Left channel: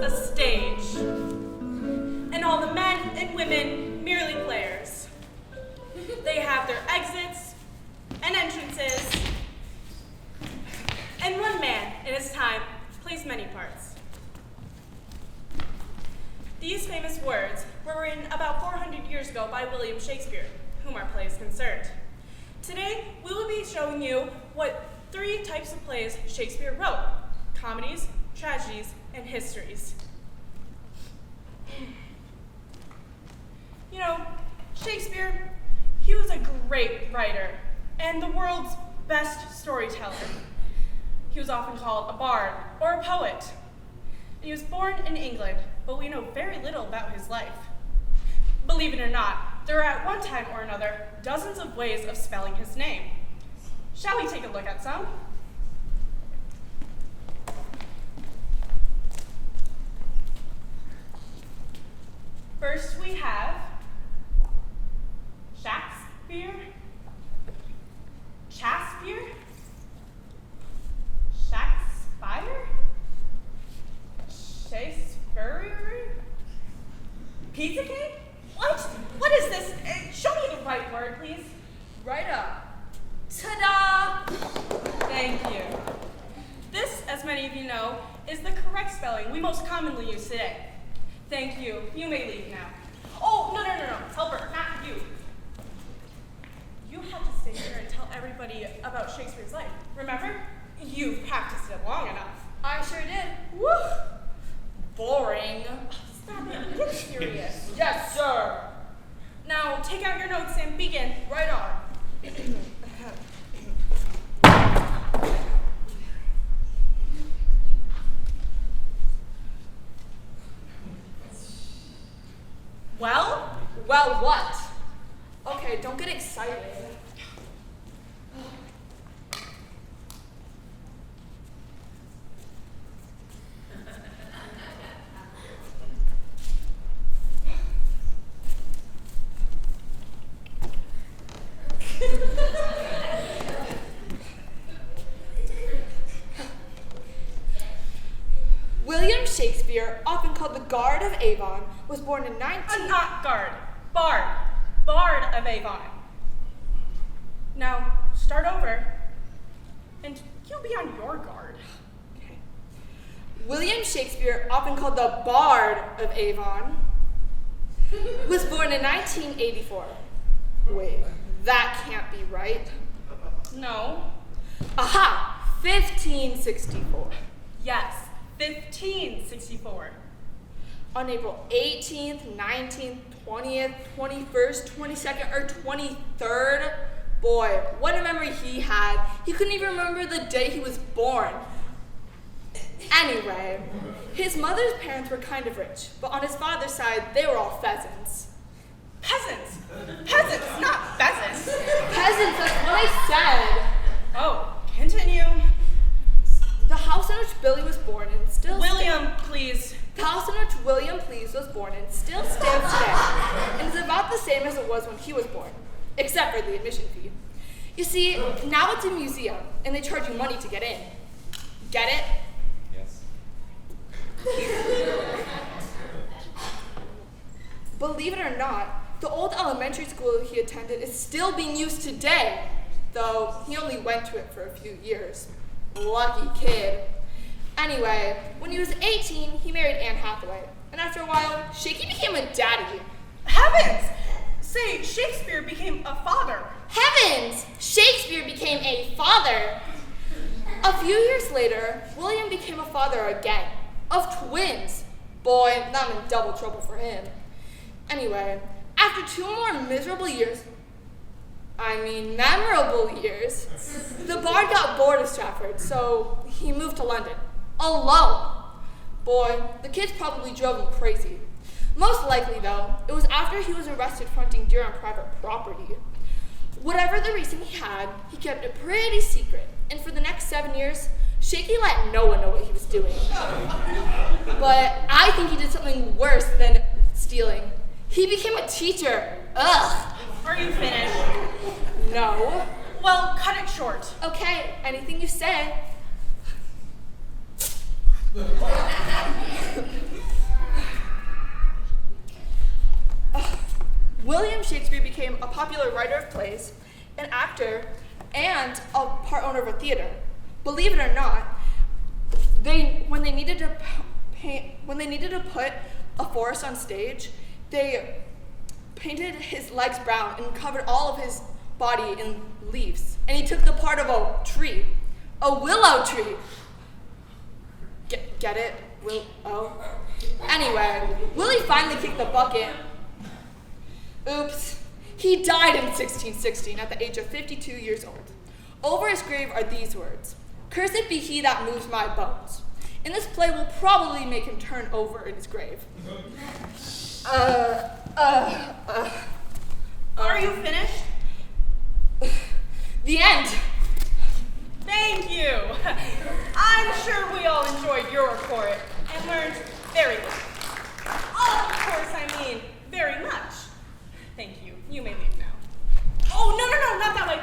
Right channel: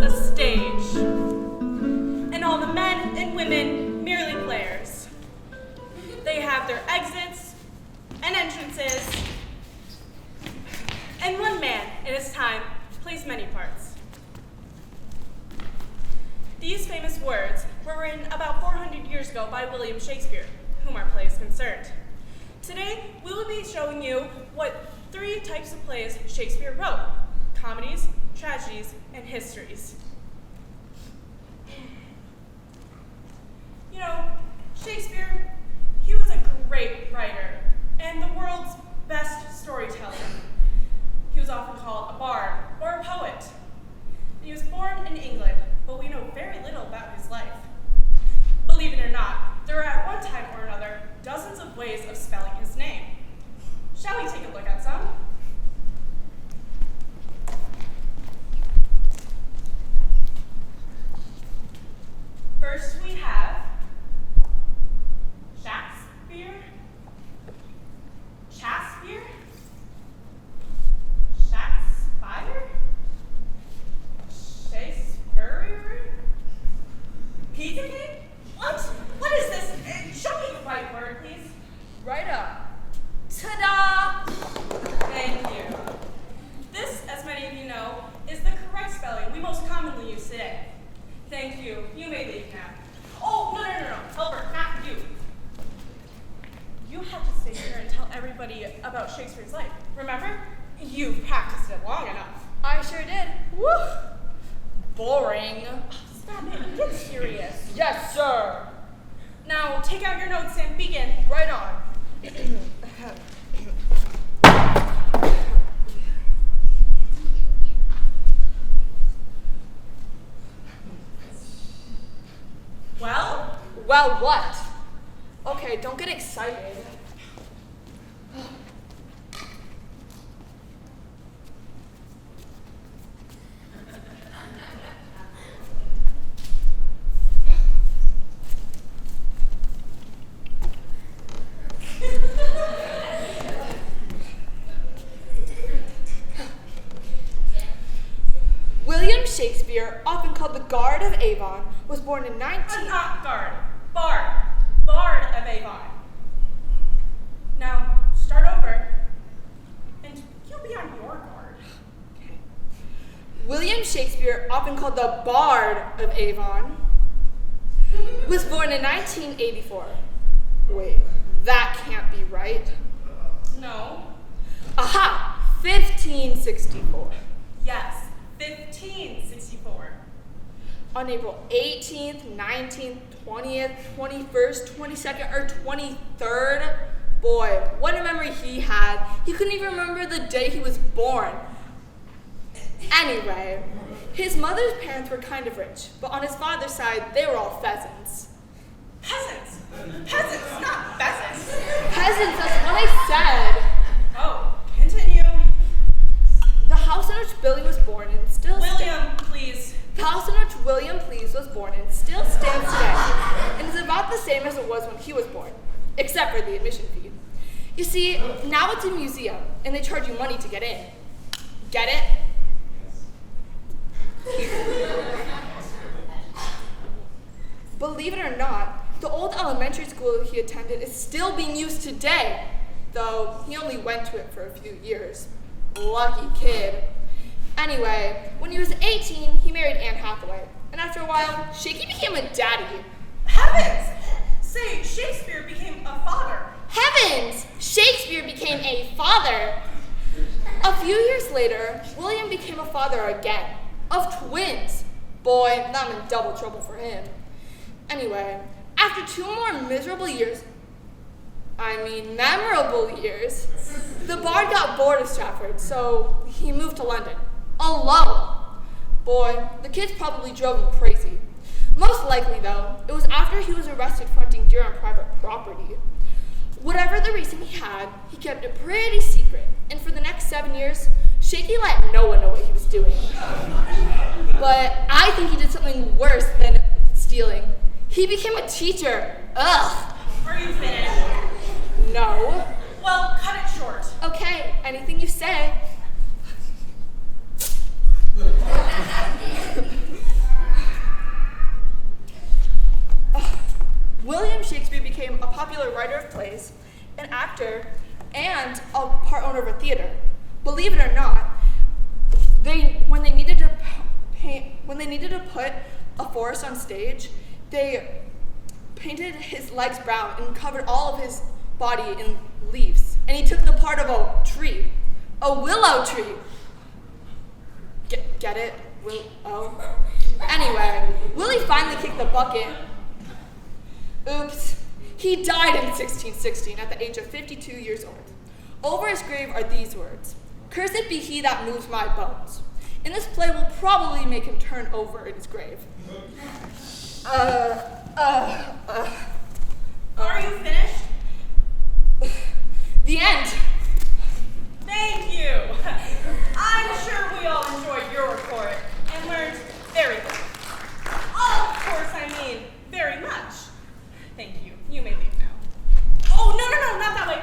A stage, and all the men and women merely players. They have their exits and entrances, and one man in his time plays many parts. These famous words were written about 400 years ago by William Shakespeare, whom our play is concerned. Today, we will be showing you what 3 types of plays Shakespeare wrote: comedies, tragedies, and histories. You know, Shakespeare, he was a great writer and the world's best storyteller. He was often called a bard or a poet. He was born in England, but we know very little about his life. Believe it or not, there are at one time or another dozens of ways of spelling his name. Shall we take a look at some? First we have Shakespeare, Shakespeare, Shakespeare, Shakespeare, Pizza King? What? What is this? Show me the right word, please. Right up. Ta-da! Thank you. This, as many of you know, is the correct spelling we most commonly use today. Thank you. You may leave now. Oh, no. Helper, not you. You have to stay here and tell everybody about Shakespeare's life. Remember? You've practiced it long enough. I sure did. Woo! Boring. Stop it. Get serious. Yes, sir. Now, take out your notes and begin. Right on. Well, what? Okay, don't get excited. William Shakespeare, often called the Guard of Avon, was born in Not guard. Bard of Avon. Now, start over, and you'll be on your guard. Okay. William Shakespeare, often called the Bard of Avon, was born in 1984. Wait, that can't be right. No. Aha! 1564. Yes, 1564. On April 18th, 19th, 20th, 21st, 22nd, or 23rd. Boy, what a memory he had. He couldn't even remember the day he was born. Anyway, his mother's parents were kind of rich, but on his father's side, they were all pheasants. Peasants! Peasants, not pheasants! Peasants, that's what I said. Oh, continue. The house in which Billy was born in still William, please. The house in which William Please was born in still stands today, and is about the same as it was when he was born, except for the admission fee. You see, now it's a museum, and they charge you money to get in. Get it? Yes. Believe it or not, the old elementary school he attended is still being used today, though he only went to it for a few years. Lucky kid. Anyway, when he was 18, he married Anne Hathaway. And after a while, Shakey became a daddy. Heavens! Say, Shakespeare became a father. Heavens! Shakespeare became a father. A few years later, William became a father again, of twins. Boy, that meant double trouble for him. Anyway, after 2 more memorable years, the bard got bored of Stratford, so he moved to London, alone. Boy, the kids probably drove him crazy. Most likely, though, it was after he was arrested for hunting deer on private property. Whatever the reason he had, he kept it pretty secret, and for the next 7 years, Shakey let no one know what he was doing. But I think he did something worse than stealing. He became a teacher. Ugh. Are you finished? No. Well, cut it short. Okay, anything you say. William Shakespeare became a popular writer of plays, an actor, and a part owner of a theater. Believe it or not, when they needed to put a forest on stage, they painted his legs brown and covered all of his body in leaves. And he took the part of a tree, a willow tree. Get it? Willow. Anyway, Willie finally kicked the bucket. Oops. He died in 1616 at the age of 52 years old. Over his grave are these words: "Cursed be he that moves my bones." And this play will probably make him turn over in his grave. Are you finished? The end. Thank you. I'm sure we all enjoyed your report and learned very little. Of course, I mean very much. Thank you. You may leave now. Oh, no, not that way.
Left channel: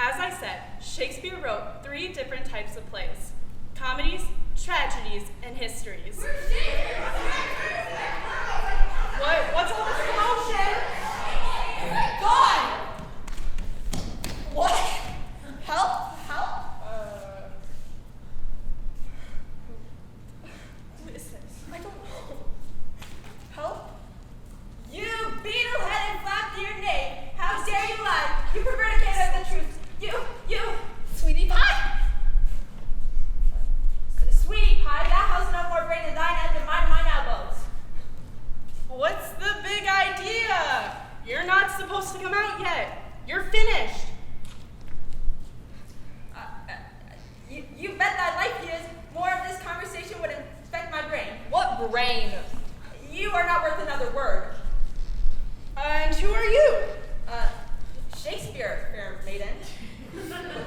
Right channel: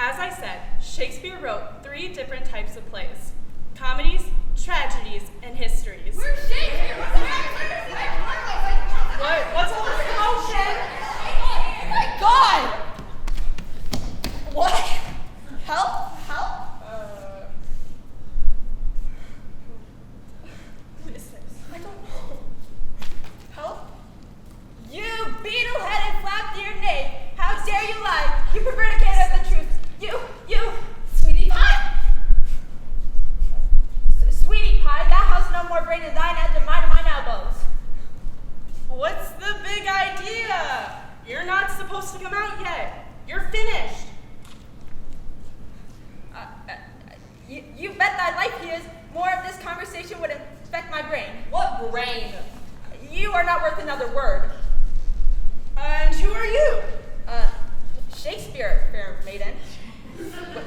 As I said, Shakespeare wrote 3 different types of plays: comedies, tragedies, and histories. Where's Shakespeare? What's all this commotion? Oh my God! What? Help? Who is this? I don't know. Help? You beetle-headed, flap-eared knave! How dare you lie? You prevaricator of the truth! You, Sweetie Pie? Sweetie pie, thou hast no more brain in thine head than mine in mine elbows. What's the big idea? You're not supposed to come out yet. You're finished. You bet thy life he is. More of this conversation would infect my brain. What brain? You are not worth another word. And who are you? Shakespeare, fair maiden.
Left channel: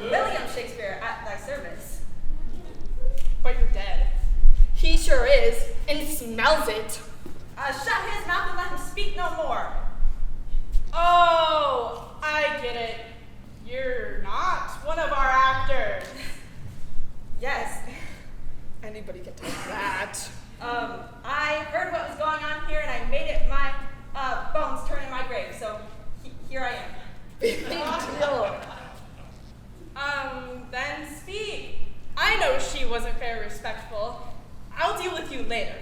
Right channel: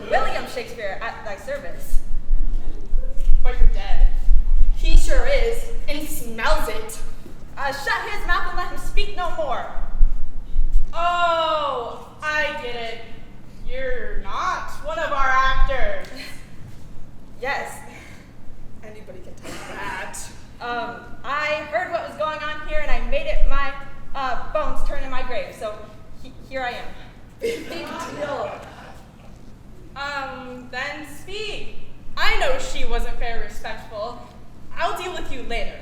William Shakespeare, at thy service. But you're dead. He sure is, and smells it. Shut his mouth and let him speak no more. Oh, I get it. You're not one of our actors. Yes. Anybody can tell that. I heard what was going on here and I made it my bones turn in my grave, so here I am. Big deal. Then speak. I know she wasn't very respectful. I'll deal with you later.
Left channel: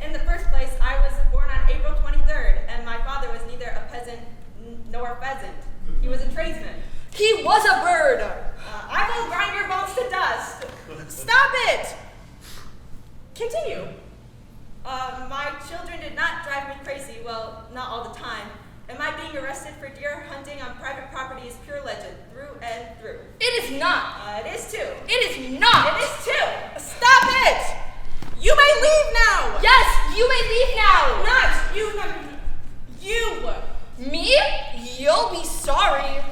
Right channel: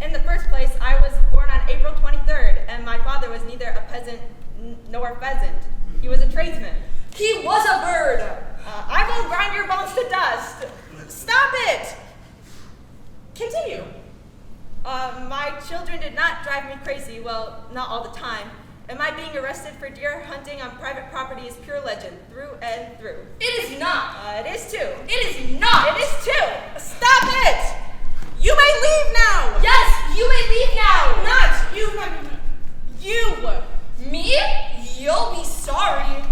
In the first place, I was born on April 23rd, and my father was neither a peasant nor a pheasant. He was a tradesman. He was a bird. I will grind your bones to dust. Stop it! Continue. My children did not drive me crazy, well, not all the time. And my being arrested for deer hunting on private property is pure legend, through and through. It is not. It is too. It is not. It is too. Stop it! You may leave now! Yes, you may leave now. Not you, you! Me? You'll be sorry.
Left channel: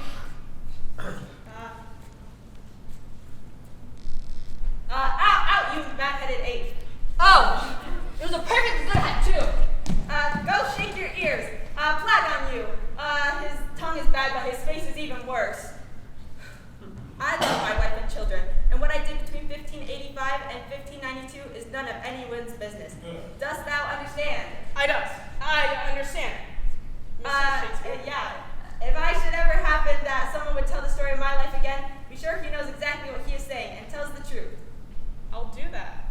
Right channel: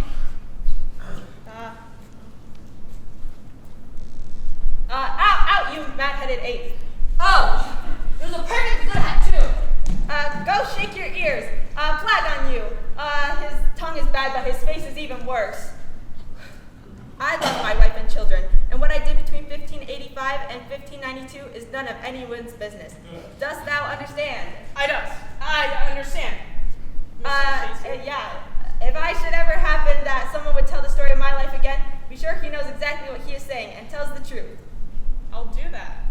Out, you mad-headed ape. Oh, it was a perfectly good hat, too. Go shake your ears. Plague on you. His tongue is bad, but his face is even worse. I love my wife and children, and what I did between 1585 and 1592 is none of anyone's business. Dost thou understand? I understand. Mr. Shakespeare? Yeah. If I should ever happen that someone would tell the story of my life again, be sure he knows exactly what he is saying and tells the truth. I'll do that.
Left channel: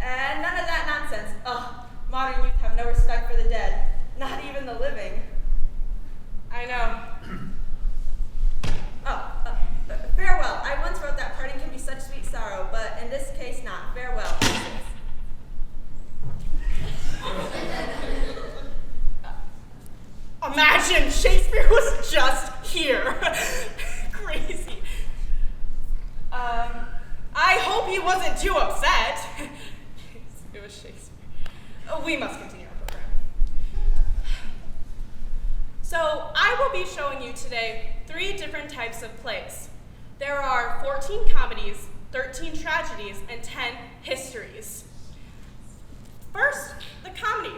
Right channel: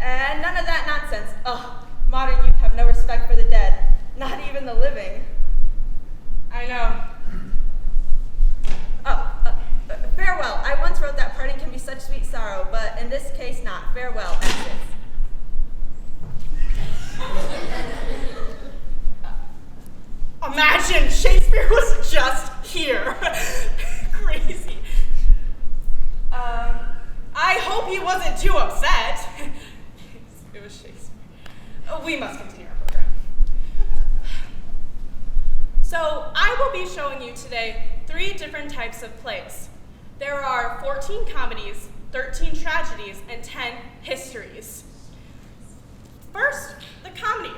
And none of that nonsense. Ugh, modern youth have no respect for the dead, not even the living. I know. Farewell. I once wrote that parting can be such sweet sorrow, but in this case not. Farewell, Princess. Imagine Shakespeare was just here. Crazy. I hope he wasn't too upset. It was Shakespeare. We must continue our program. So I will be showing you today 3 different types of plays. There are 14 comedies, 13 tragedies, and 10 histories. First, the comedy.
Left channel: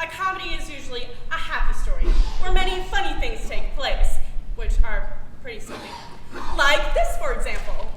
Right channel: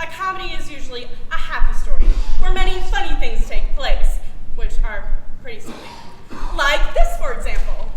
A comedy is usually a happy story, where many funny things take place, which are pretty silly. Like this, for example.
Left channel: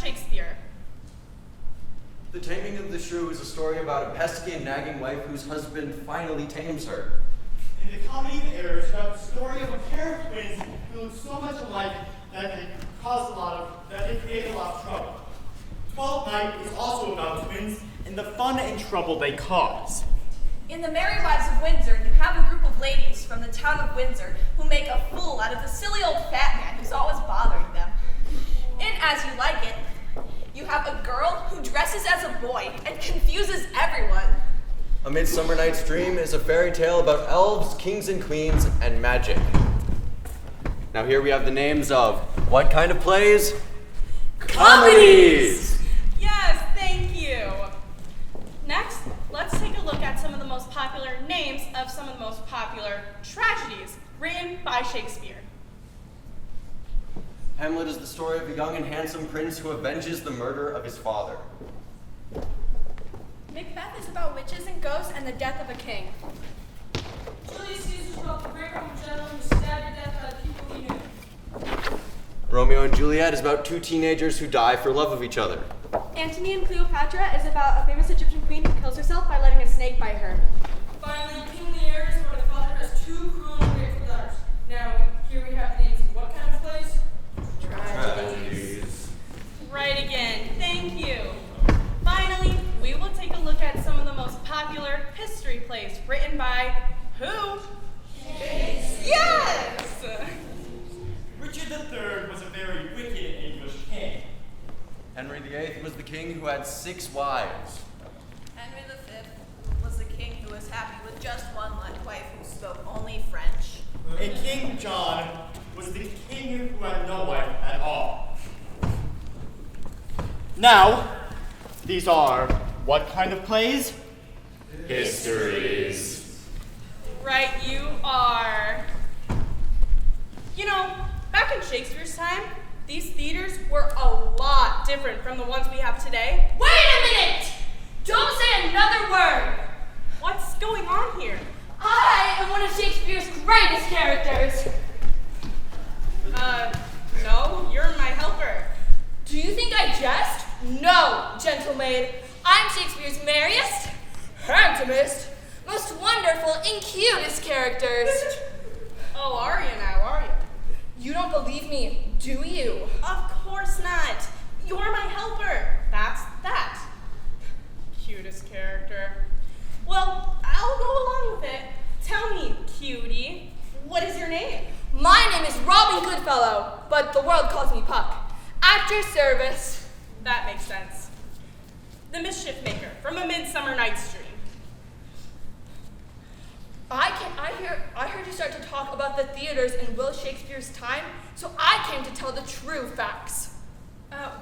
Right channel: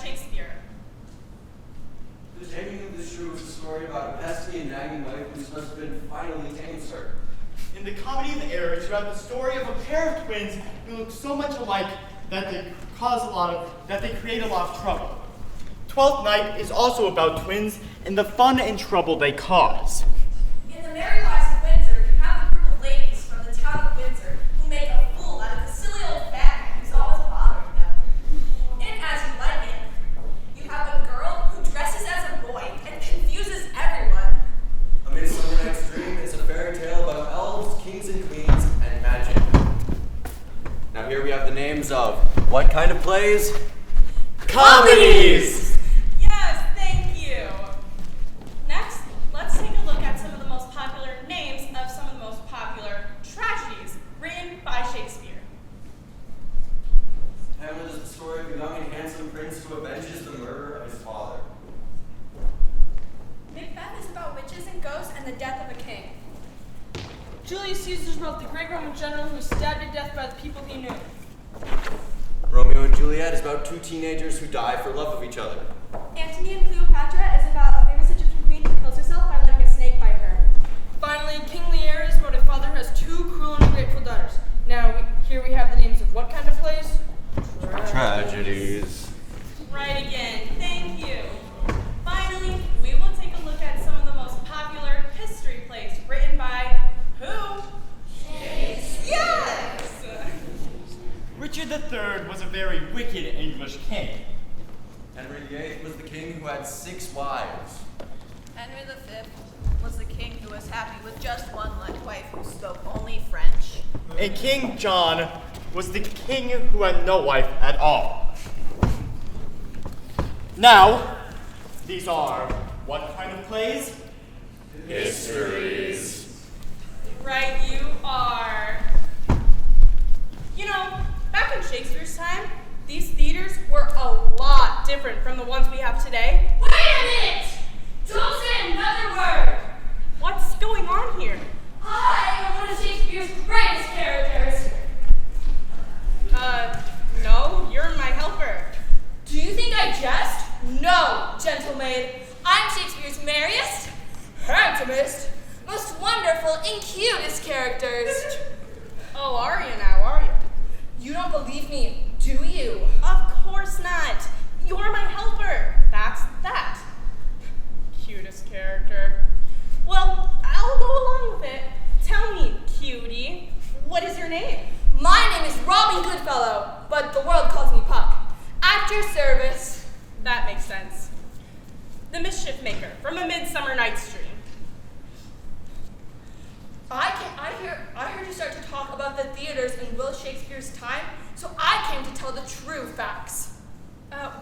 Shakespeare. The Taming of the Shrew is a story about a pesky and nagging wife whose husband finally tames her. In the comedy of errors, you have the story of a pair of twins who look so much alike that they create a lot of trouble. Twelfth Night is also about twins and the fun and trouble they cause. In The Merry Wives of Windsor, you have a group of ladies from the town of Windsor who make a fool out of the silly old fat man who's always bothering them. In As You Like It, you have a girl who dresses as a boy and confuses everyone. A Midsummer Night's Dream is a fairy tale about elves, kings and queens, and magic. Now here we have the names of what kind of plays? Comedies! Yes, thank you. Next, let's take a look at some of the most popular names of some of the most popular tragedies written by Shakespeare. Hamlet is the story of a young and handsome prince who avenges the murder of his father. Macbeth is about witches and ghosts and the death of a king. Julius Caesar wrote the great Roman general who was stabbed to death by the people he knew. Romeo and Juliet is about two teenagers who die for love of each other. Antony and Cleopatra is about a famous Egyptian queen who kills herself by letting a snake bite her. Finally, King Lear is about a father who has two cruel and ungrateful daughters. Now, here we have the names of what kind of plays? Tragedies. Right again. Thank you. Finally, we will take a look at some of the most popular history plays written by who? Shakespeare. Yes! Richard III was a very wicked English king. Henry VIII was the king who had 6 wives. Henry V was the king who was happy with just one wife who spoke only French. And King John was the king who had no wife at all. Now, these are what kind of plays? Histories. Right, you are. You know, back in Shakespeare's time, these theaters were a lot different from the ones we have today. Wait a minute! Don't say another word! What's going on here? I am one of Shakespeare's greatest characters. No, you're my helper. Do you think I jest? No, gentle maid. I'm Shakespeare's merriest, handsomest, most wonderful, and cutest characters. Oh, are you now, are you? You don't believe me, do you? Of course not. You're my helper. That's that. Cutest character. Well, I'll go along with it. Tell me, cutie, what is your name? My name is Robin Goodfellow, but the world calls me Puck. At your service. That makes sense. The Mischief Maker from A Midsummer Night's Dream. I heard you start to talk about the theaters in Will Shakespeare's time, so I came to tell the true facts.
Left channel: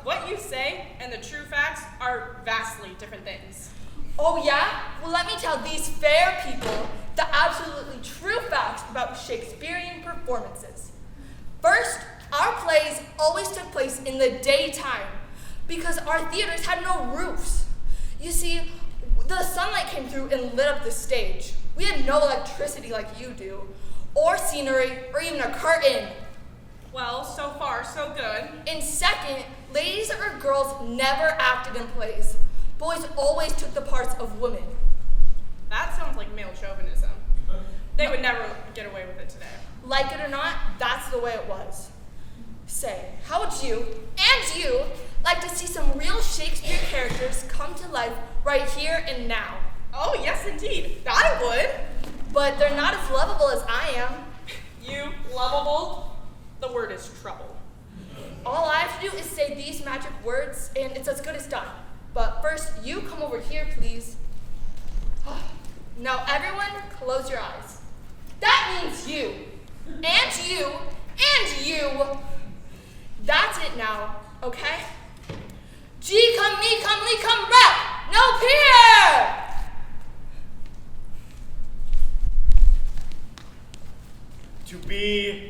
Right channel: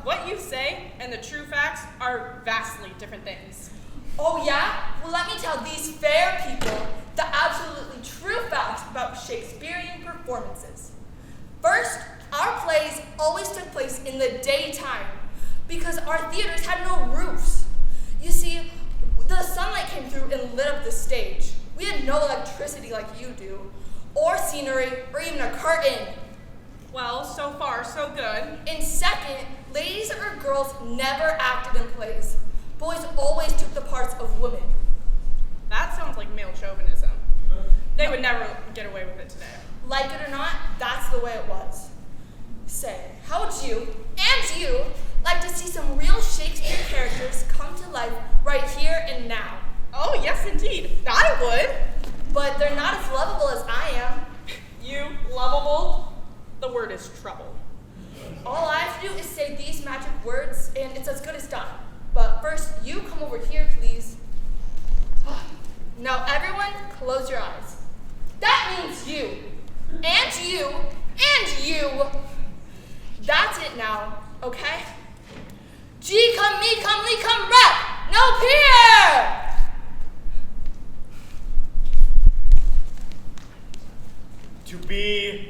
What you say and the true facts are vastly different things. Oh yeah? Well, let me tell these fair people the absolutely true facts about Shakespearean performances. First, our plays always took place in the daytime because our theaters had no roofs. You see, the sunlight came through and lit up the stage. We had no electricity like you do, or scenery, or even a curtain. Well, so far, so good. And second, ladies or girls never acted in plays. Boys always took the parts of women. That sounds like male chauvinism. They would never get away with it today. Like it or not, that's the way it was. Say, how would you, and you, like to see some real Shakespeare characters come to life right here and now? Oh, yes, indeed. I would. But they're not as lovable as I am. You, lovable? The word is trouble. All I have to do is say these magic words, and it's as good as done. But first, you come over here, please. Now, everyone, close your eyes. That means you, and you, and you. That's it now, okay? G come me, come lee, come rep, no peer! To be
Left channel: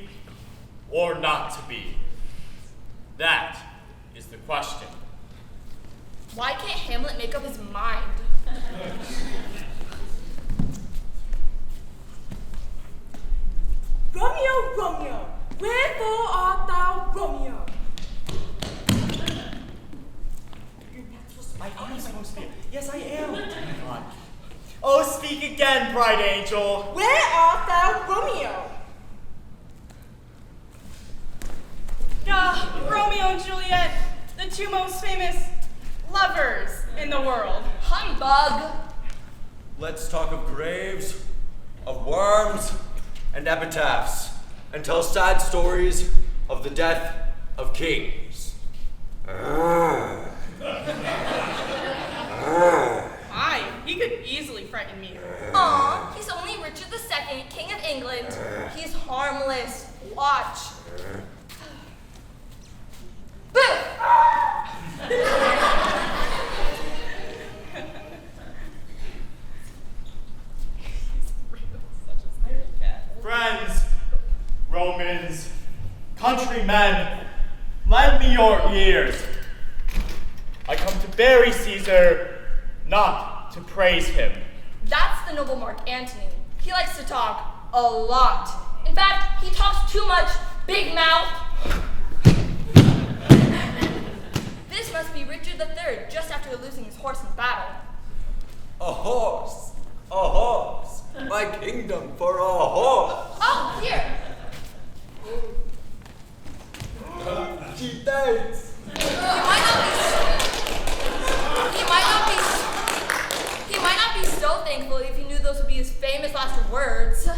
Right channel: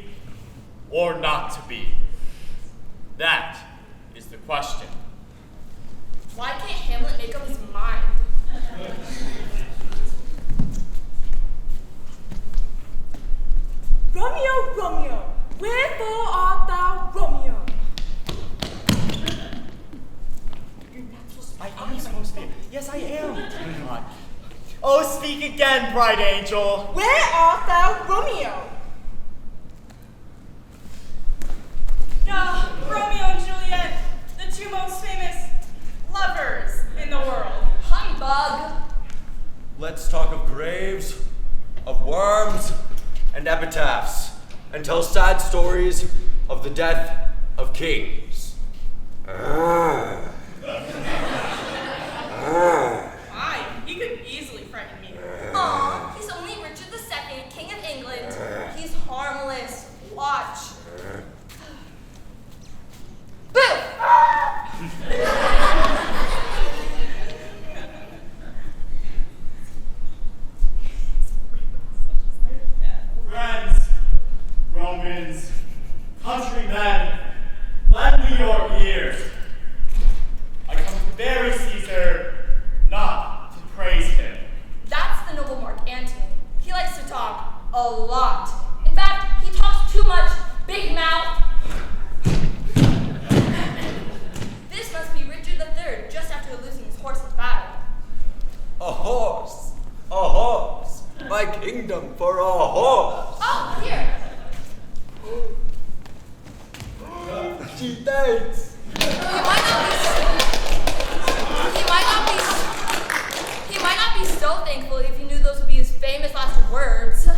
or not to be? That is the question. Why can't Hamlet make up his mind? Romeo, Romeo, wherefore art thou Romeo? I am supposed to be. Yes, I am. Oh my God. Oh, speak again, bright angel. Where art thou Romeo? Romeo and Juliet, the two most famous lovers in the world. Humbug. Let's talk of graves, of worms, and epitaphs, and tell sad stories of the death of kings. Aye, he could easily frighten me. Aw, he's only Richard II, King of England. He's harmless. Watch. Boo! Friends, Romans, countrymen, lend me your ears. I come to bury Caesar, not to praise him. That's the noble Mark Antony. He likes to talk a lot. In fact, he talks too much. Big mouth. III just after losing his horse in battle. A horse, my kingdom for a horse. Oh, here. She thanks. He might not be so thankful if he knew those would be his famous last words.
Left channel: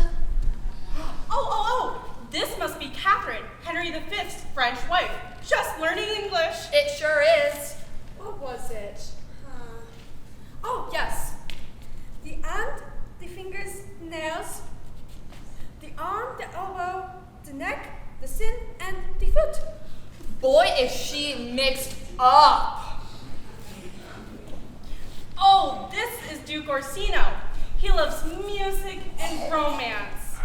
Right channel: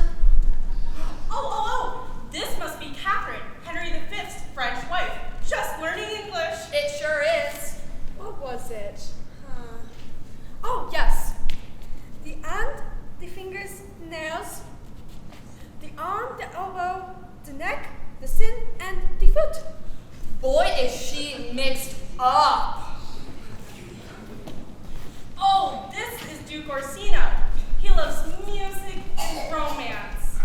Oh, this must be Catherine, Henry V's French wife, just learning English. It sure is. What was it? Oh, yes. The hand, the fingers, nails, the arm, the elbow, the neck, the shin, and the foot. Boy, is she mixed up. Oh, this is Duke Orsino. He loves music and romance.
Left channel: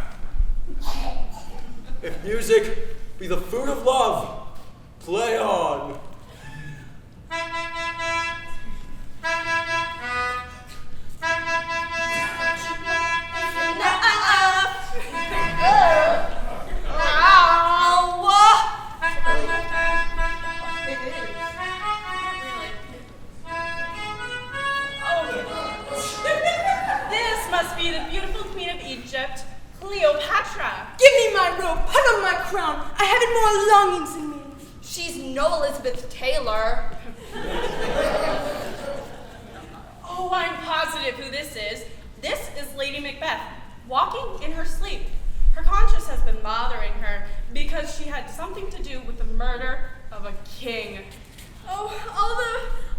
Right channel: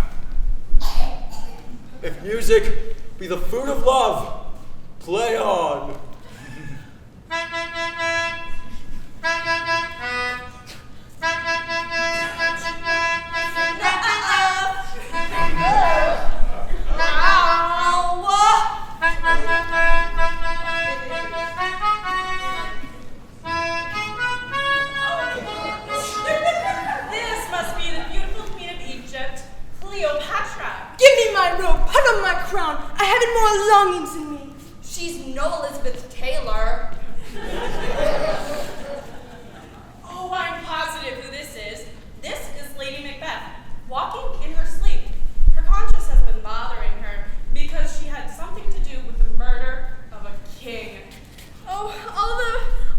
If music be the fruit of love, play on. This must be the beautiful Queen of Egypt, Cleopatra. Give me my robe, put on my crown. I haven't more longings in me. She's no Elizabeth Taylor. Oh, I'm positive who this is. This is Lady Macbeth, walking in her sleep. Her conscience has been bothering her because she had something to do with the murder of a king. Oh,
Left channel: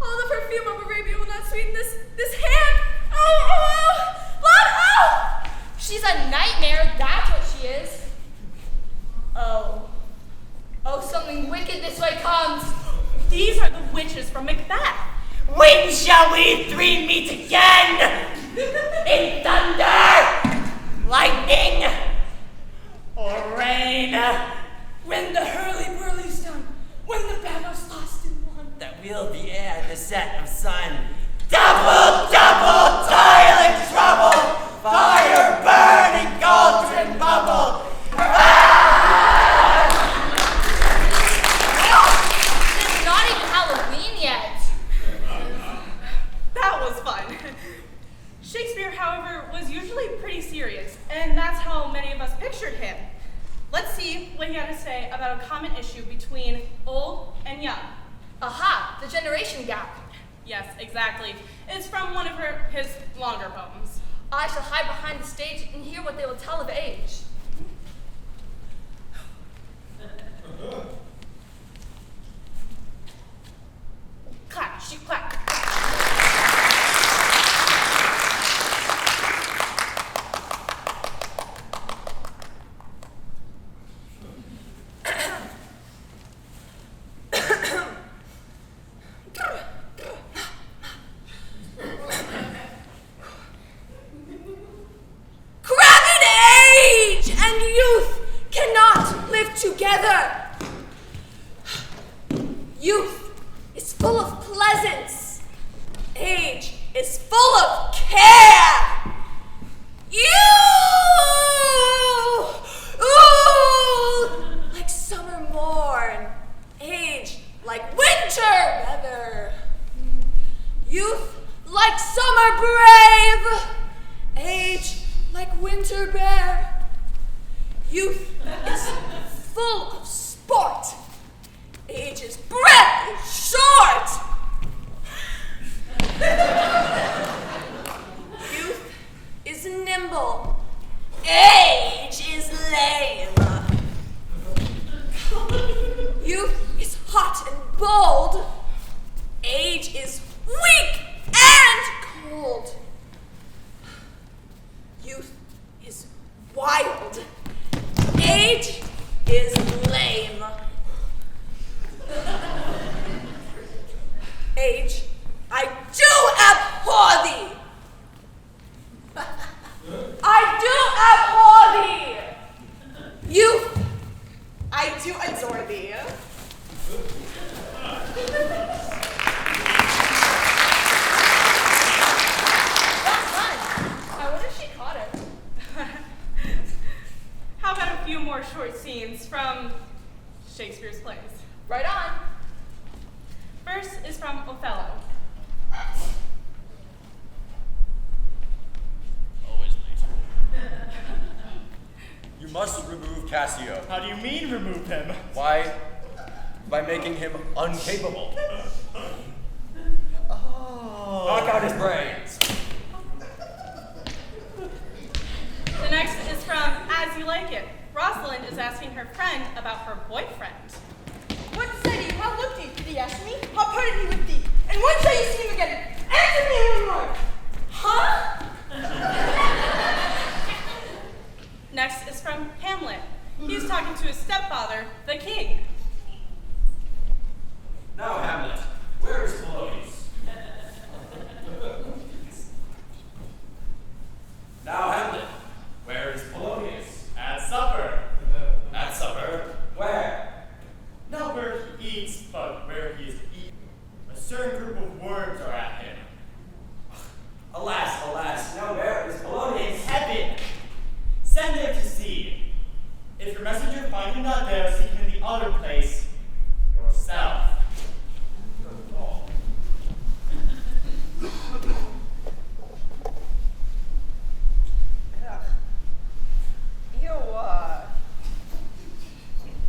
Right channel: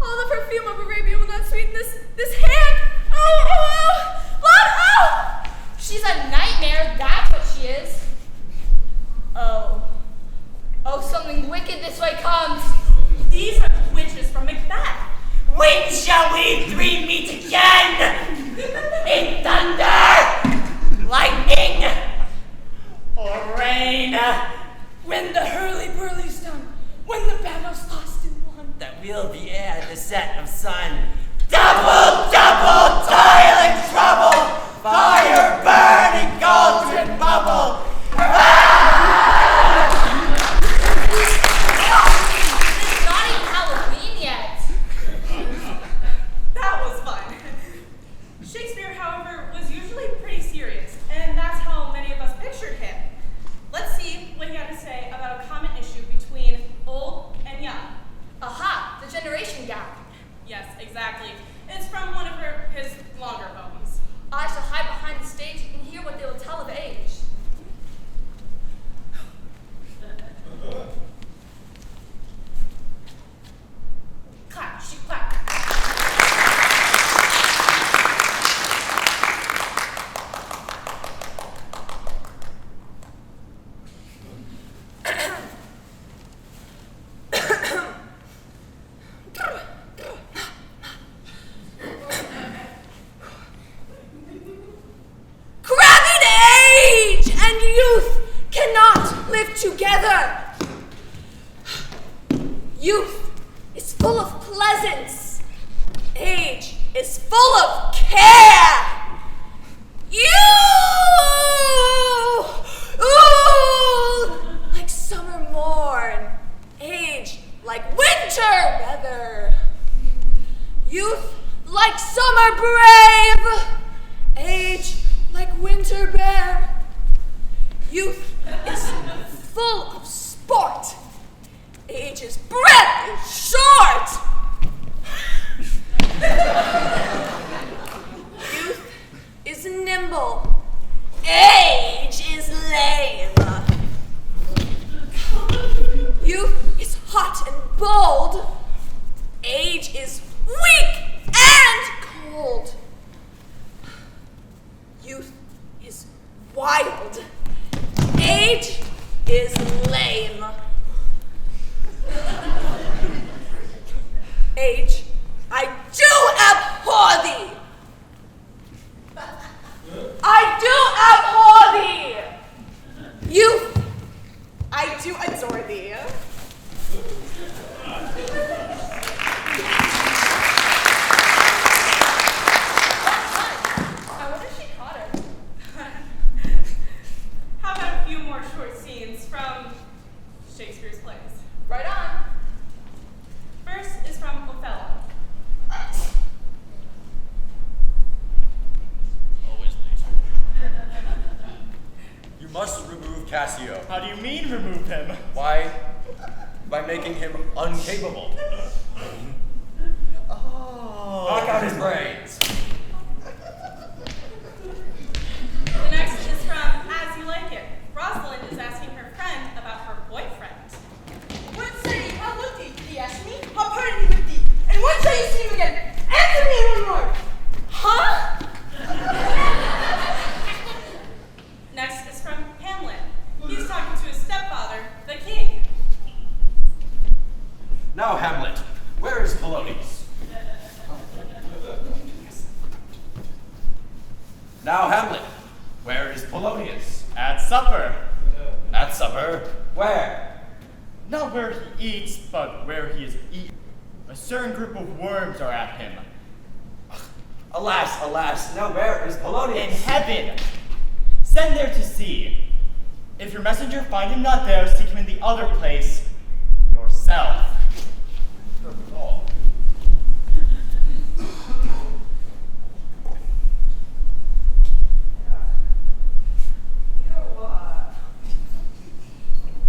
all the perfume of Arabia will not sweeten this hand. Oh, blood, oh! She's a nightmare, that's what she is. Oh, something wicked this way comes. These are the witches from Macbeth. When shall we three meet again? In thunder, lightning, or rain? When the hurly-burly's done, when the battle's lost and won. That we'll be at the set of sun. Double, toil and trouble, fire burning, cauldron bubble. It's not even Halloween yet. That was fun. Shakespeare, however, was usually pretty serious, and that's how many of us pictured him. Let's see what he had to say about a common issue between old and young. Aha, the generation gap. Yes, exactly. It's from one of his longer poems. I shall hide behind the stage and hear what they will tell of age. Clap, she clap. Crabbed age and youth cannot live together. Youth is full of pleasance. Age is full of care. Ooh, like summer morn. Age like winter weather. Youth like summer brave. Age like winter bear. Youth is full of sport. Age's breath is short. Youth is nimble. Age is lame. Youth is hot and bold. Age is weak and cold. Youth is wild. Age is lame. Age, I do abhor thee. I do abhor thee. Youth, I do adore thee. That's fun. I wonder if she caught her. How about a few more short scenes from Shakespeare's plays? Right on. First is from Othello. Always late. You must remove Cassio. How do you mean remove him? Why? By making him uncapable. Oh. Knock out his brains. The next is from As You Like It. Rosalind is asking her friend about her boyfriend. What said he? How looked he? Did he ask me? How parted he with thee? And when shall you see him again? Answer me one more! Huh? Next is from Hamlet. He's talking to his stepfather, the king. Now, Hamlet, where is Polonius? Now, Hamlet, where is Polonius? At supper. At supper? Where? Not where he eats, but where he is eaten. A certain group of worms are at him. Alas, alas, now where is In Polonius? heaven. Send there to see. If your messenger find him not there, seek him in the other place yourself. Oh.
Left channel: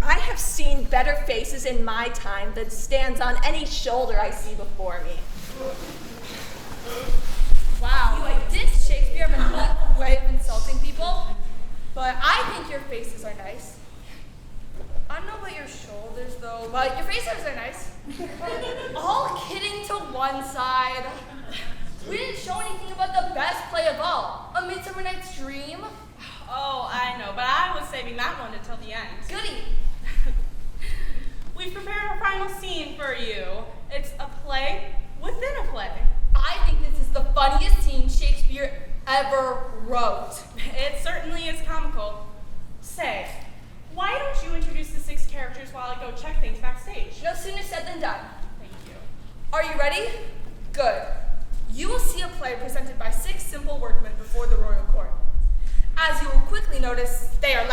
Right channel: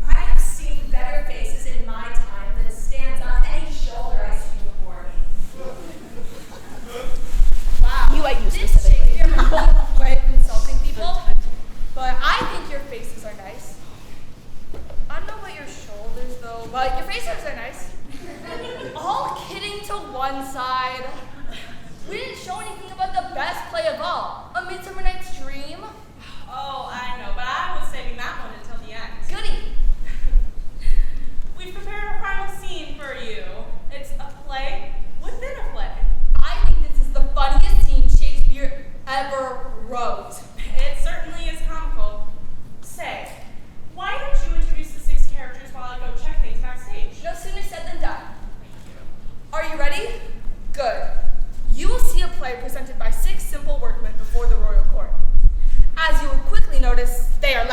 I have seen better faces in my time than stands on any shoulder I see before me. Wow. You, I use This this Shakespeare has a way of insulting people, but I think your faces are nice. I don't know about your shoulders though, but your faces are nice. All kidding to one side. We didn't show anything about the best play of all, A Midsummer Night's Dream. Oh, I know, but I was saving that one until the end. Goody. We've prepared our final scene for you. It's a play within a play. I think this is the funniest scene Shakespeare ever wrote. It certainly is comical. Say, why don't you introduce the 6 characters while I go check things backstage? No sooner said than done. Thank you. Are you ready? Good. You will see a play presented by 6 simple workmen before the royal court. As you will quickly notice, they are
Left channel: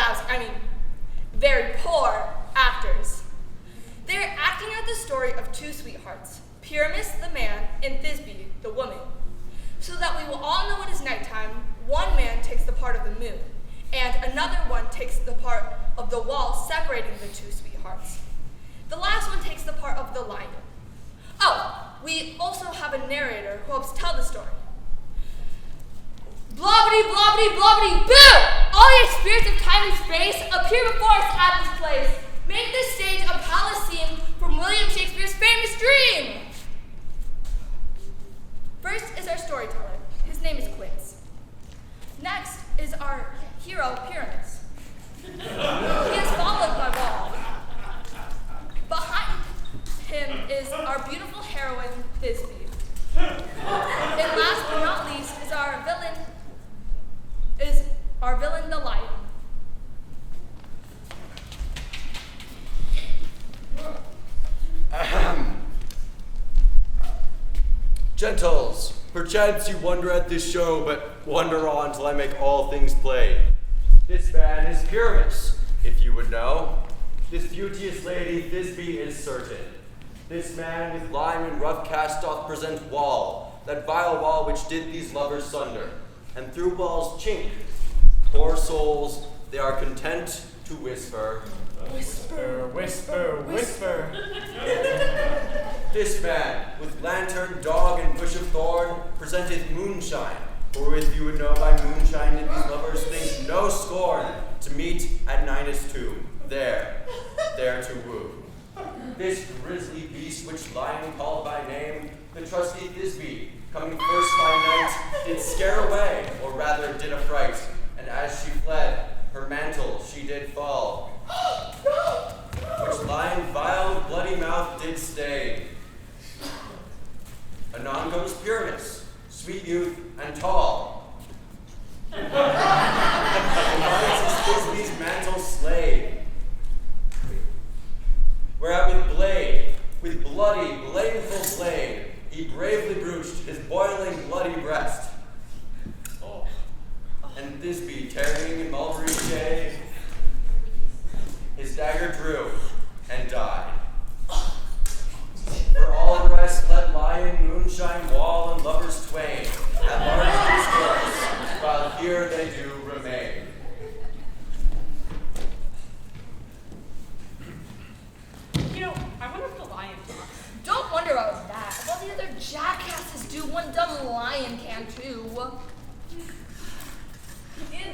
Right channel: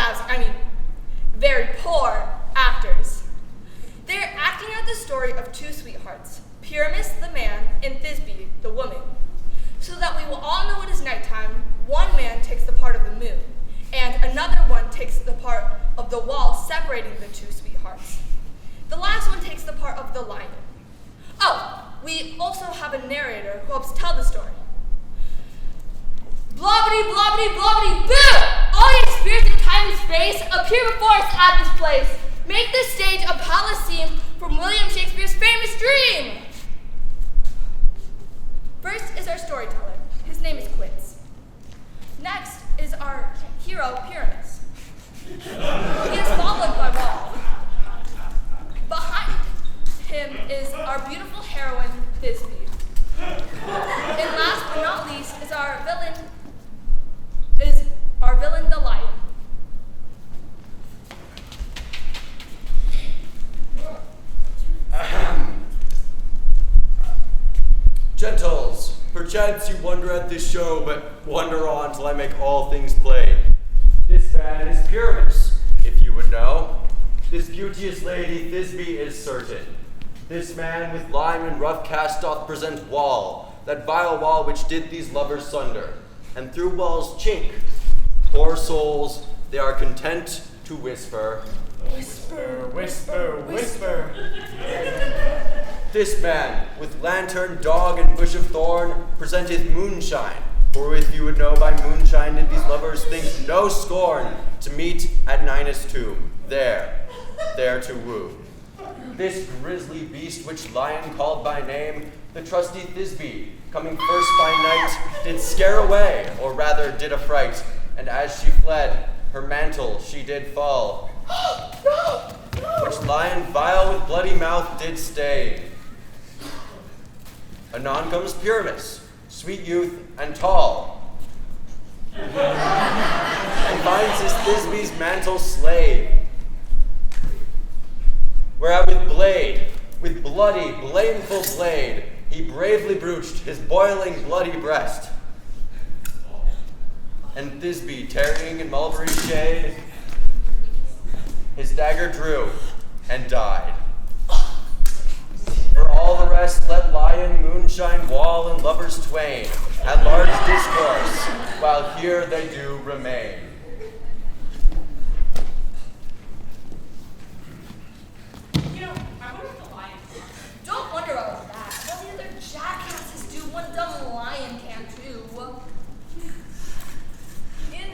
very poor actors. They are acting out the story of 2 sweethearts, Pyramus the man and Thisbe the woman. So that we will all know it is nighttime, one man takes the part of the moon, and another one takes the part of the wall separating the 2 sweethearts. The last one takes the part of the lion. Oh, we also have a narrator who helps tell the story. Blobbity, blobbity, blobbity, boo! All the spirits of time and space appear before us at this place. Make this stage a palace scene from William Shakespeare's famous dream. First is our storyteller. His name is Quince. Next is our hero, Pyramus. He is followed by Wall. Behind him is our beautiful heroine, Thisbe. And last but not least is our villain, the lion. Ahem. Gentles, perchance you wonder at this show, but wonder on till I make all things plain. This man is Pyramus, if you would know. This beauteous lady Thisbe is certain. This man with lime and rough cast doth present Wall, that vile wall which did these lovers sunder. And through Wall's chink, poor souls, they are content to whisper. Whisper, whisper, whisper. This man, with lantern, dog, and bush of thorn, presenteth moonshine. For if you would know by moonshine did these lovers think no scorn to meet at Ninus' tomb, there to woo. This grisly beast which lion called by name, the trusty Thisbe, coming first by night, did scare away, or rather did affright, and as she fled, her mantle she did fall, which lion vile with bloody mouth did stain. Anon comes Pyramus, sweet youth and tall, and finds his Thisbe's mantle slayed. Whereat with bloody, blameful blade, he bravely brooched his boiling bloody breast. And Thisbe, tarrying in mulberry shade, his dagger drew and died. For all lovers twain, at large discourse, while here they do remain. You know, I wonder if the lion talks. Don't wonder about that. All the other jackasses do, one dumb lion can too. In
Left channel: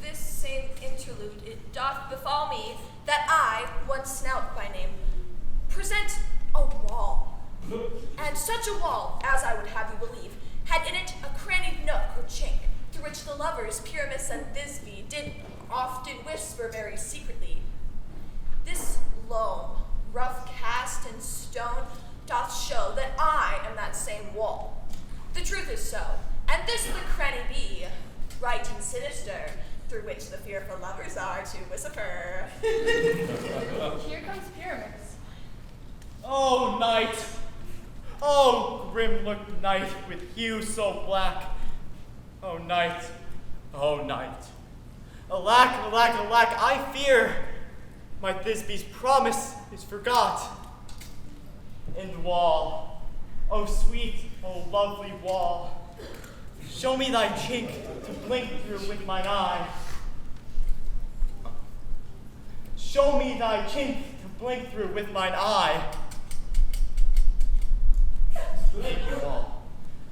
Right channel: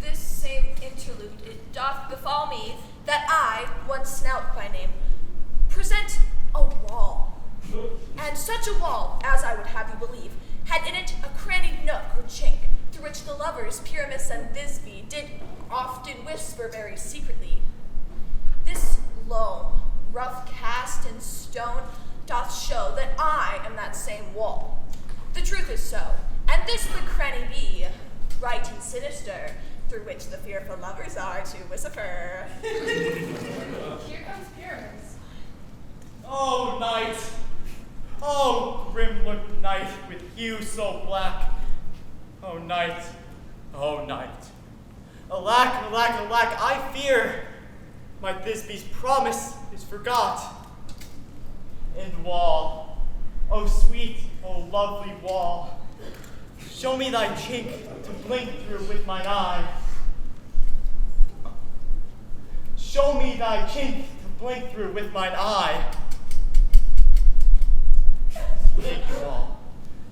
this same interlude, it doth befall me that I, one Snout by name, present a wall. And such a wall, as I would have you believe, had in it a crannied nook or chink, through which the lovers, Pyramus and Thisbe, did often whisper very secretly. This loam, rough cast in stone, doth show that I am that same wall. The truth is so, and this the cranny be, right and sinister, through which the fearful lovers are to whisper. Here comes Pyramus. Oh, night! Oh, grim-looked night with hue so black. Oh, night! Oh, night! Alack, alack, alack, I fear my Thisbe's promise is forgot. And wall, oh sweet, oh lovely wall, show me thy chink to blink through with mine eye. Show me thy chink to blink through with mine eye. Thank you all.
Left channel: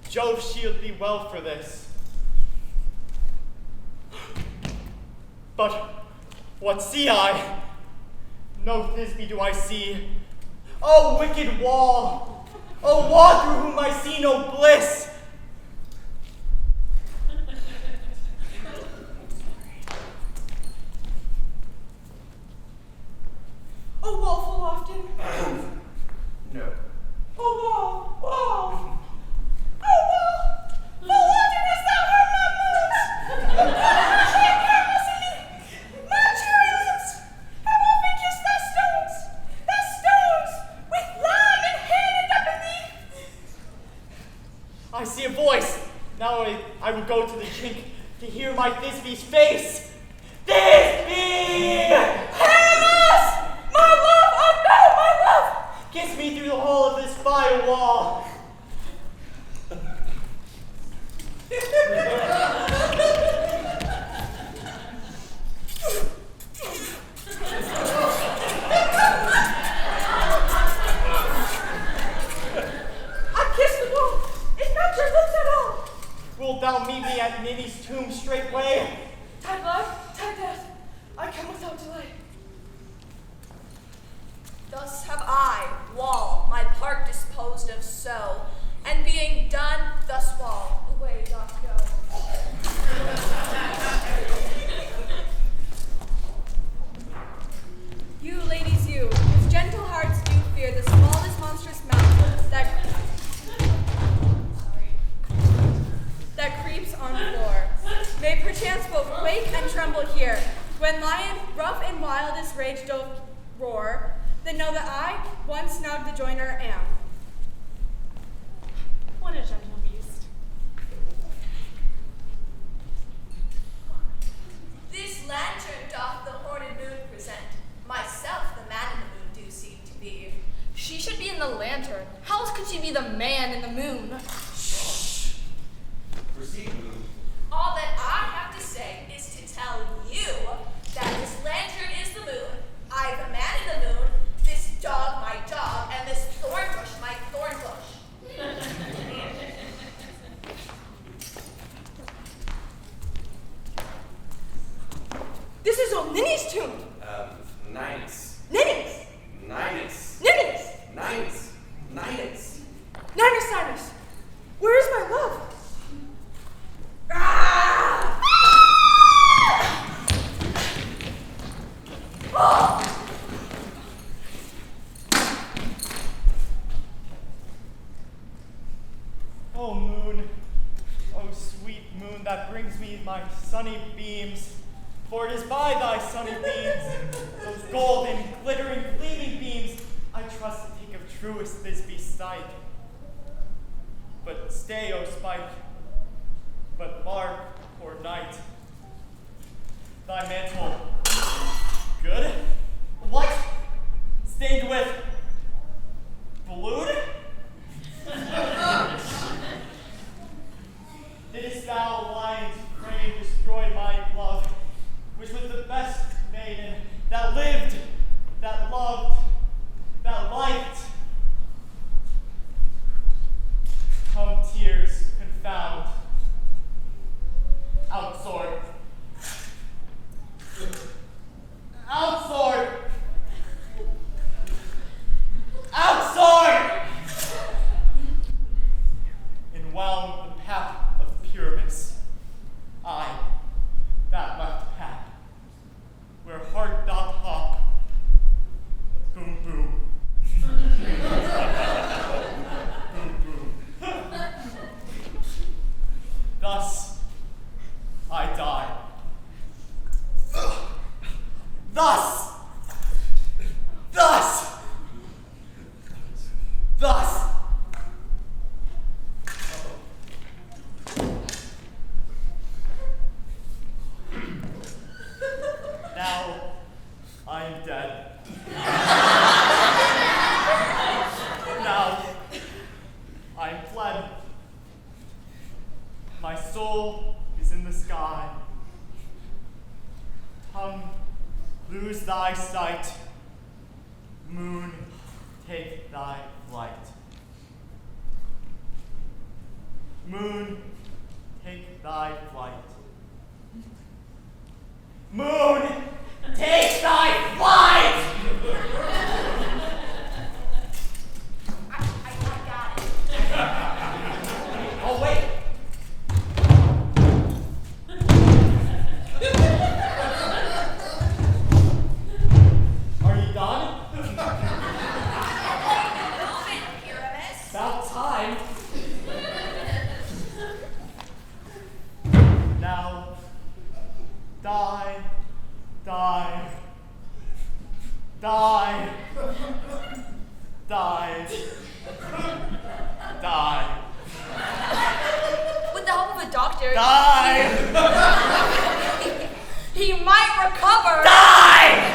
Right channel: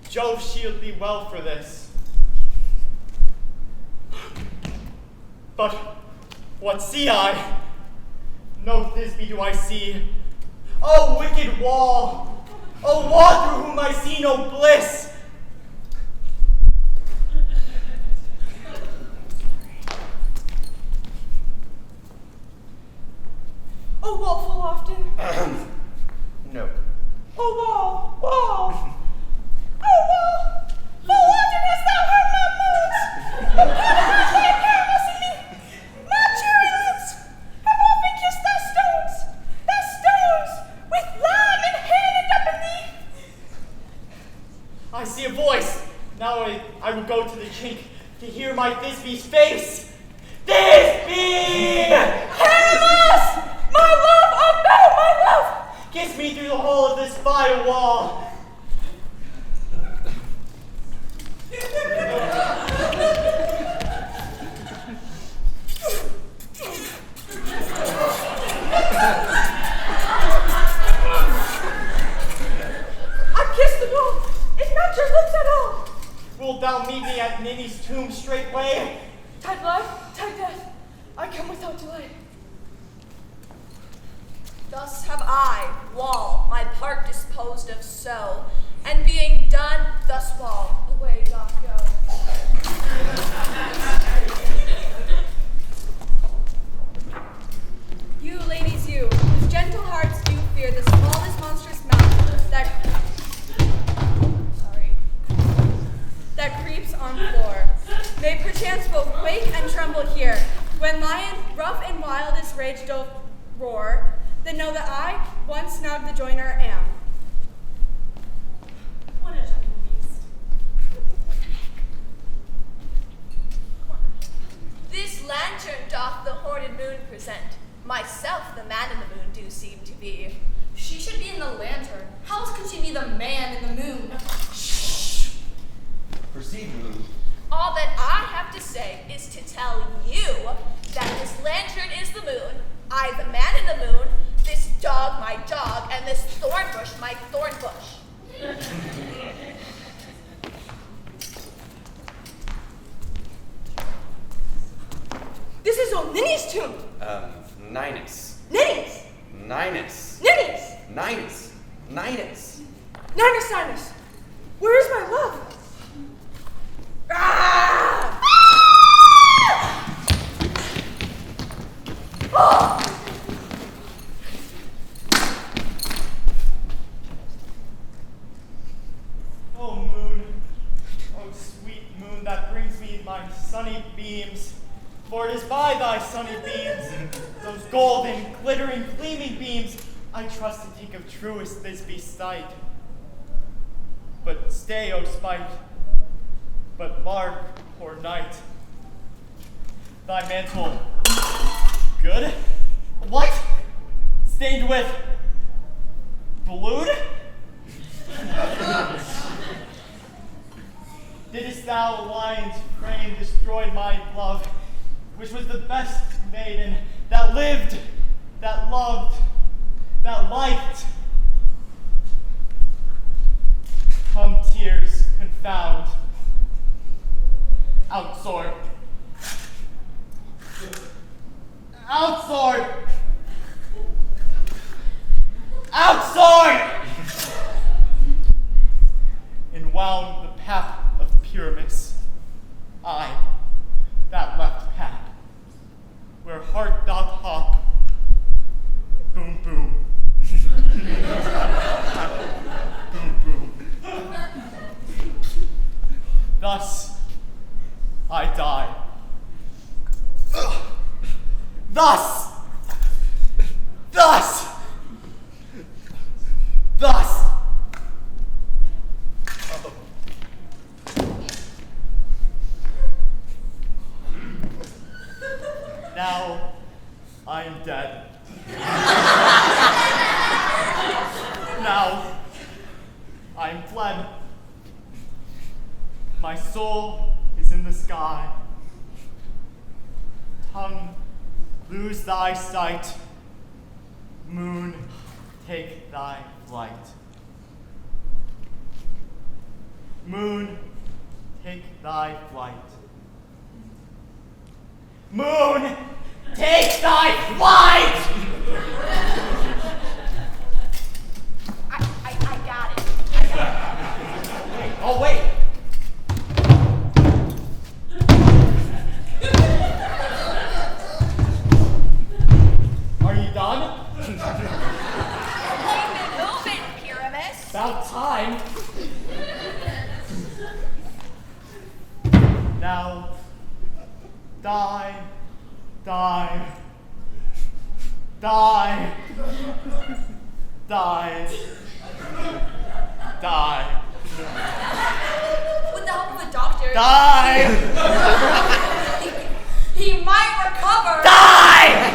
Jove shield thee well for this. But what see I? No Thisbe do I see. Oh, wicked wall! Oh, wall through whom I see no bliss! Oh, wall full often. No. Oh, wall, wall. Oh, wall, full often hast thou heard my moans. Thy careless in me, my cheery lips have often kissed thy stones with lime and handed up in thee. I see a voice. Now I will go to the chink to hear my Thisbe's face. Thisbe! Pyramus! My love, oh no, my love! Kiss me through the hole of this fire wall. I kissed the wall. It's not your lips at all. Wilt thou meet me at Ninny's tomb straightway? Tide life, tide death. I come without delay. Thus have I, wall, my part disposed of so, and being done, thus wall, away doth go. You, ladies, you, whose gentle hearts do fear the smallest monstrous mouth that creeps on floor, may perchance both quake and tremble here, when lion rough and wildest rage doth roar, then know that I, one Snout the joiner, am. What a gentle beast. This lantern doth the horned moon present. Myself the man in the moon do seem to be. She should be in the lantern. How else could she be the man in the moon? Proceed, Moon. All that I have to say is to tell you that this lantern is the moon, I the man in the moon, this dog my dog, and this thorn bush my thorn bush. This is old Ninny's tomb. Ninus. Ninny's. Ninus. Ninny's. Ninus. Ninus. Ninus, Ninus. Where is my love? Ah! Ah! Oh, moon. Oh, sweet moon that brings me my sunny beams. For it is by thy sunny beams, those golden, glittering, gleaming beams, I trust to take of truest Thisbe's sight. But stay, O spite, but mark, poor night, thy mantle, good? What? Stained with blood? didst thou, lion's frame, destroyed my love, which was the best maiden that lived, that loved, that liked. Come tears confound, outsword, outsword, outsword, and wound the path of Pyramus, I, that left path, where heart doth hop, boom boom, boom boom. Thus I die. Thus. Now I am dead. Now I am fled. My soul is in the sky. Tongue, lose thy sight. Moon, take thy flight. Moon, take thy flight. Moon, take thy flight! I got it. Oh, wait. Are you done? Move it, Pyramus. About time. Now, die, die, die, die, die, With the help of a doctor, die, he might recover. die!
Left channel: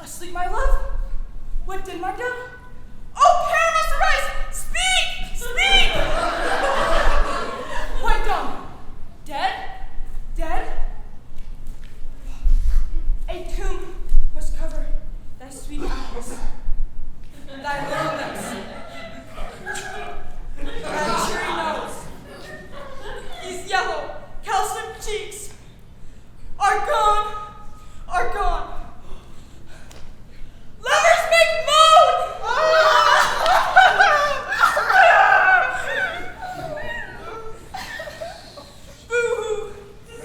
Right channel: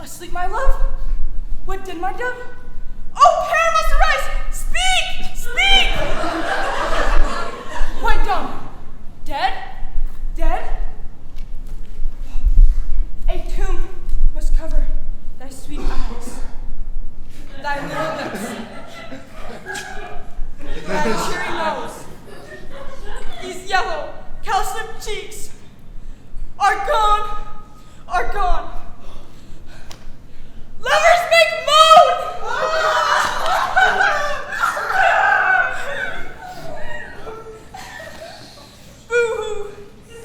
Asleep, my love? What did my dove? Oh, Pyramus, arise! Speak! Speak! Quite dumb. Dead? Dead? A tomb must cover thy sweet eyes, thy little lips, thy cherry nose. These yellow, cowslip cheeks are gone, are gone. Lovers make moan! Boo-hoo!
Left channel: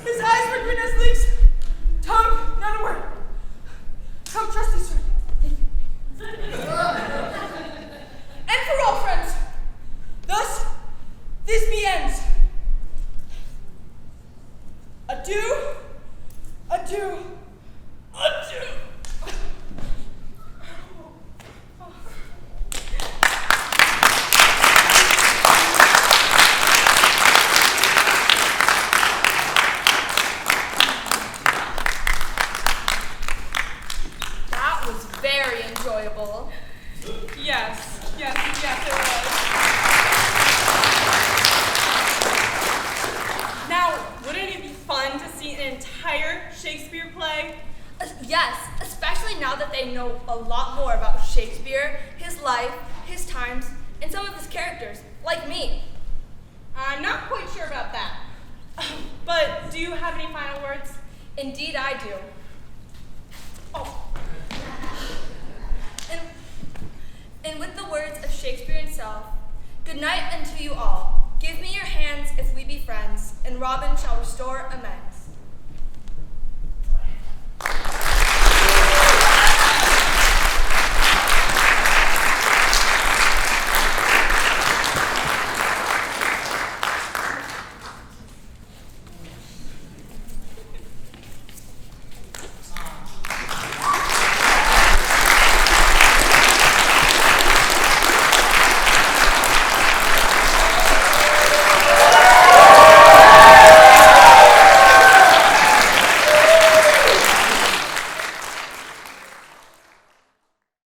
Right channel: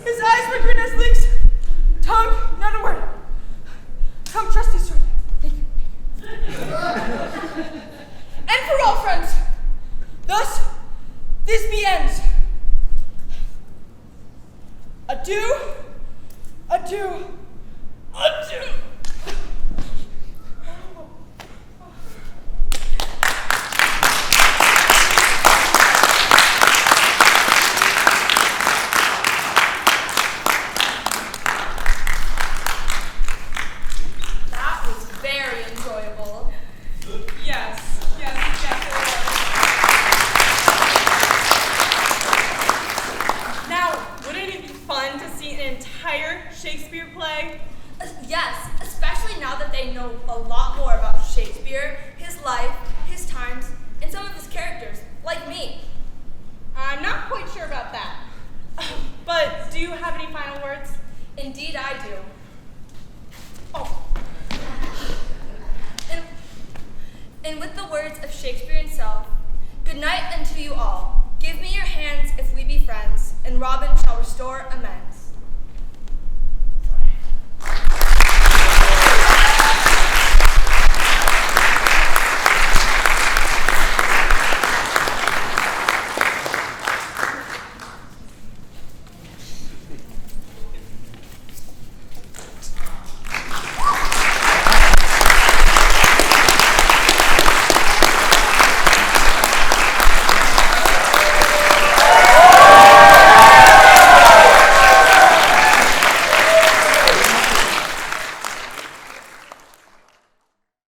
His eyes were green as leeks. Tongue, not a word. Come, trusty sword. Thank you. And for all friends, thus this be ends. Adieu, adieu, adieu. That was very enjoyable. Yes, it was. Now, wouldn't it be fun to see an entire Shakespeare play? Yes, especially now that they know a lot more about Shakespeare, his life, his times, and some of his characters, like me. I'm not quite sure about that. But do you have any final words? Indeed, I do. Oh, And with the words of Shakespeare himself, good night unto you all. Give me your hands if we be friends, and Robin shall restore amends.